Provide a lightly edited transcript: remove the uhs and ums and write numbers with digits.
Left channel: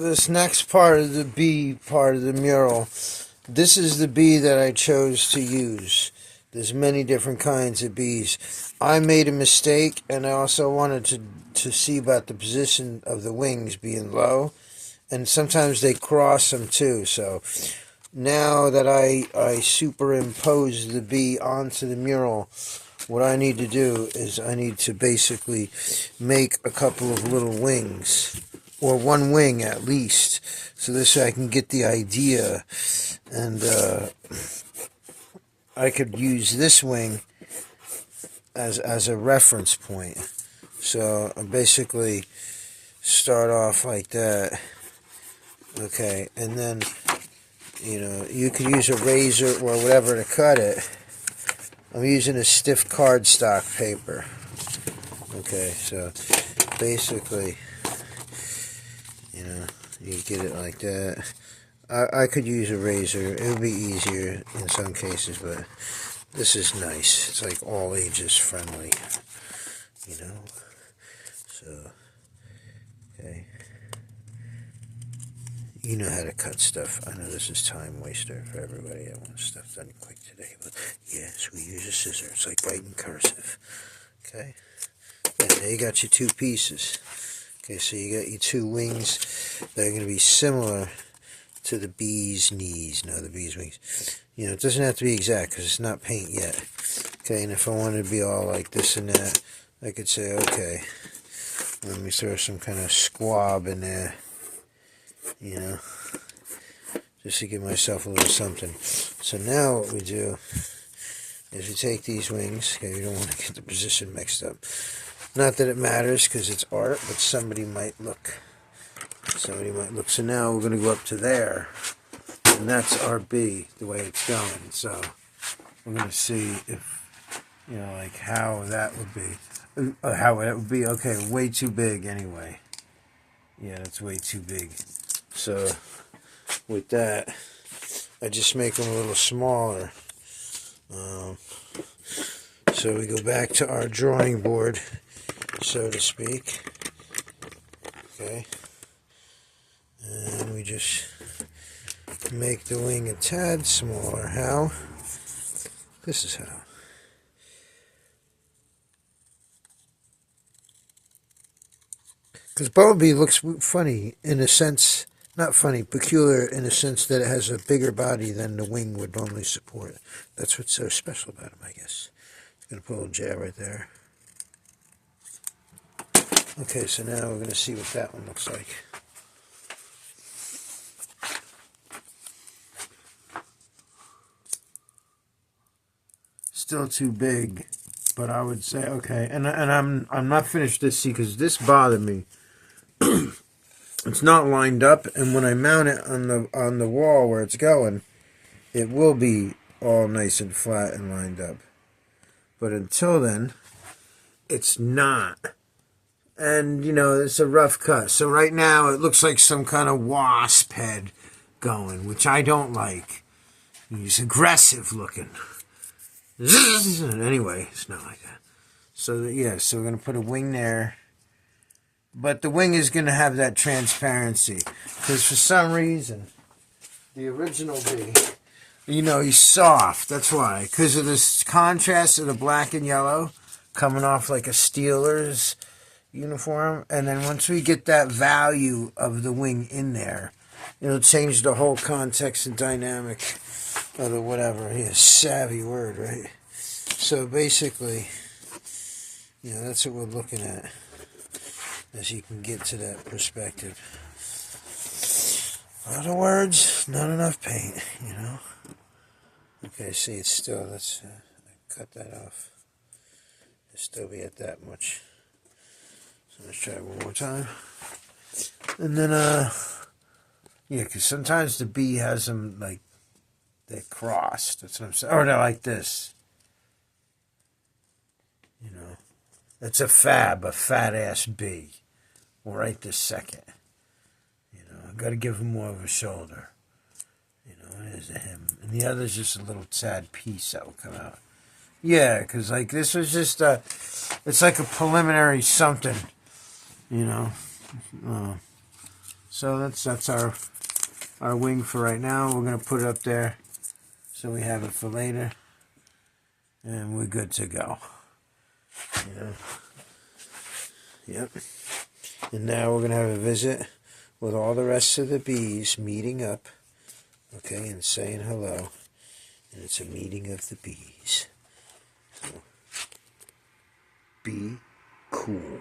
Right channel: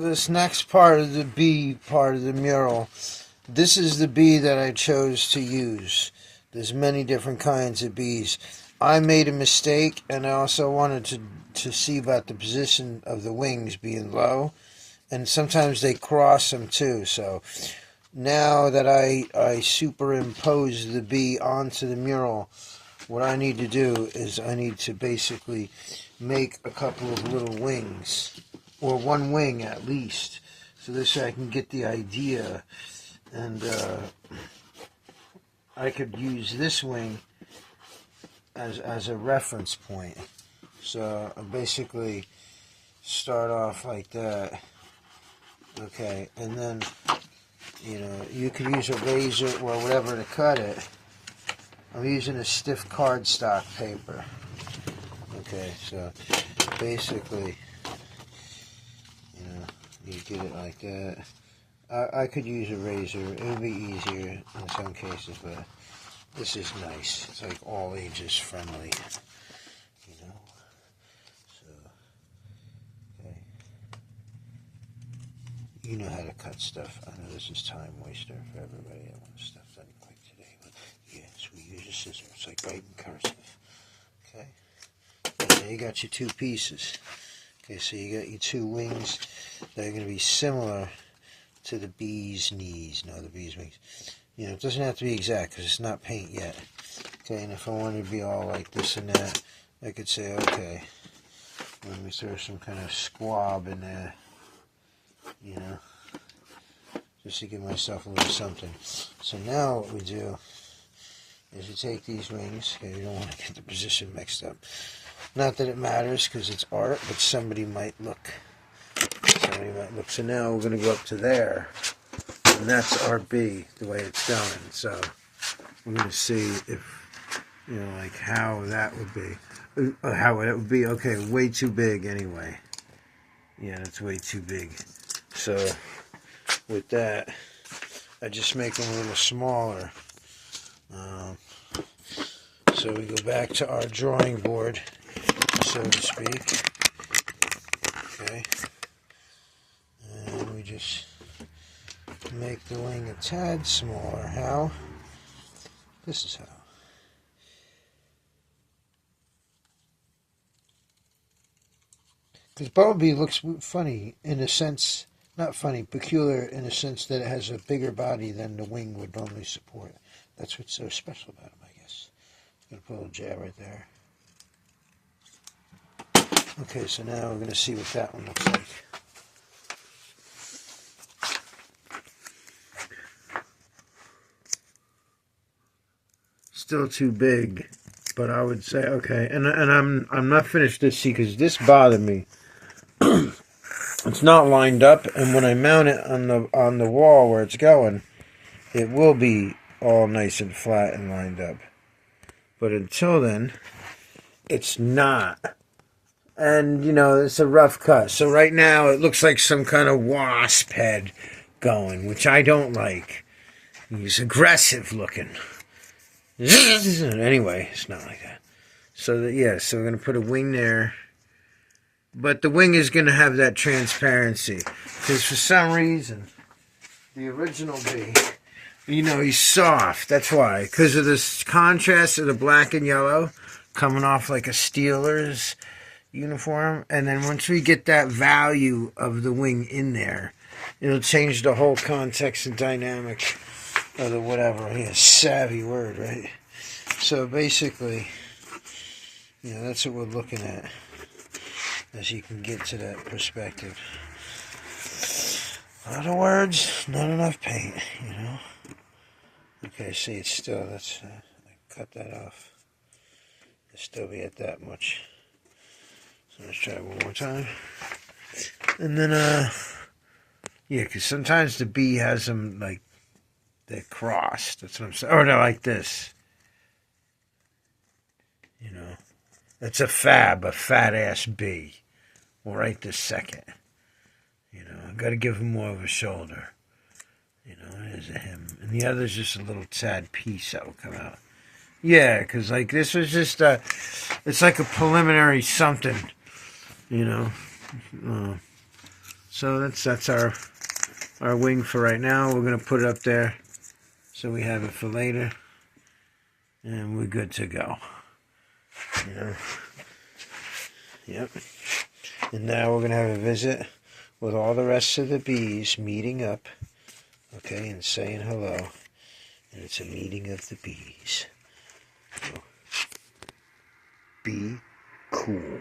This next part of the bee part of the mural, this is the bee that I chose to use. There's many different kinds of bees. I made a mistake, and I also wanted to see about the position of the wings being low, and sometimes they cross them too. So now that I superimpose the bee onto the mural, what I need to do is I need to basically make a couple of little wings, or one wing at least, so this way I can get the idea, and I could use this wing as a reference point. So I basically start off like that, okay, and then you could use a razor or whatever to cut it. I'm using a stiff cardstock paper. Okay, so basically, you get it like that. I could use a razor. It would be easier in some cases, but this is nice. It's like all ages friendly, So, okay. You know how to cut stuff. I know this is time waster for everybody. I want stuff done quick today, but yes, we use a scissor. It's like writing cursive. Okay. And there you got your two pieces. Okay, so you got your two wings that are going to be similar to the bee's knees. No, the bee's wings. It doesn't have to be exact because it's not paint yet. Okay, and if I wanted to be all like this and that, I could say, okay, let me throw some kind of squab in there, just to give myself a little something. So now what we do is we take these wings. Okay, we don't want to get the position mixed up. Not that it matters because it's art, but somebody might look. So now we're going to go up to there, and that's our bee, the way it's going. So we're going to see if, like how that would be. How it would be, okay, way too big anyway. Yeah, that's way too big. So with that, I just make them a little smaller. So we go back to our drawing board, so to speak. Okay. And we just make the wing a tad smaller. How? This is how. Because Bumblebee looks funny in a sense, not funny, peculiar in a sense that it has a bigger body than the wing would normally support. That's what's so special about him, I guess. Going to put a little jab right there. Okay, so now we're going to see what that one looks like. Still too big, but I would say okay. And I'm not finished this because this bothered me. It's not lined up, and when I mount it on the wall where it's going, it will be all nice and flat and lined up. But until then, it's not. And, it's a rough cut. So right now, it looks like some kind of wasp head going, which I don't like. He's aggressive looking. Anyway, it's not like that. So, so we're going to put a wing there. But the wing is going to have that transparency. Because for some reason, the original bee, he's soft. That's why. Because of this contrast of the black and yellow coming off like a Steelers uniform. And then once we get that value of the wing in there, it'll change the whole context and dynamic of the whatever. Yeah, savvy word, right? So basically, that's what we're looking at. As you can get to that perspective. A lot of words, not enough paint, Okay, see, it's still, let's cut that off. It'll still be at that much. So let's try it one more time. And then, because sometimes the bee has them, like, they're crossed. That's what I'm saying. Or they're like this. That's a fat-ass bee. Well, right this second. I got to give him more of a shoulder. There's a him. And the other's just a little tad piece that will come out. Yeah, because, this was just it's like a preliminary something, So that's our wing for right now. We're going to put it up there so we have it for later. And we're good to go. Yep. And now we're going to have a visit with all the rest of the bees meeting up, okay, and saying hello. And it's a meeting of the bees. So, be cool.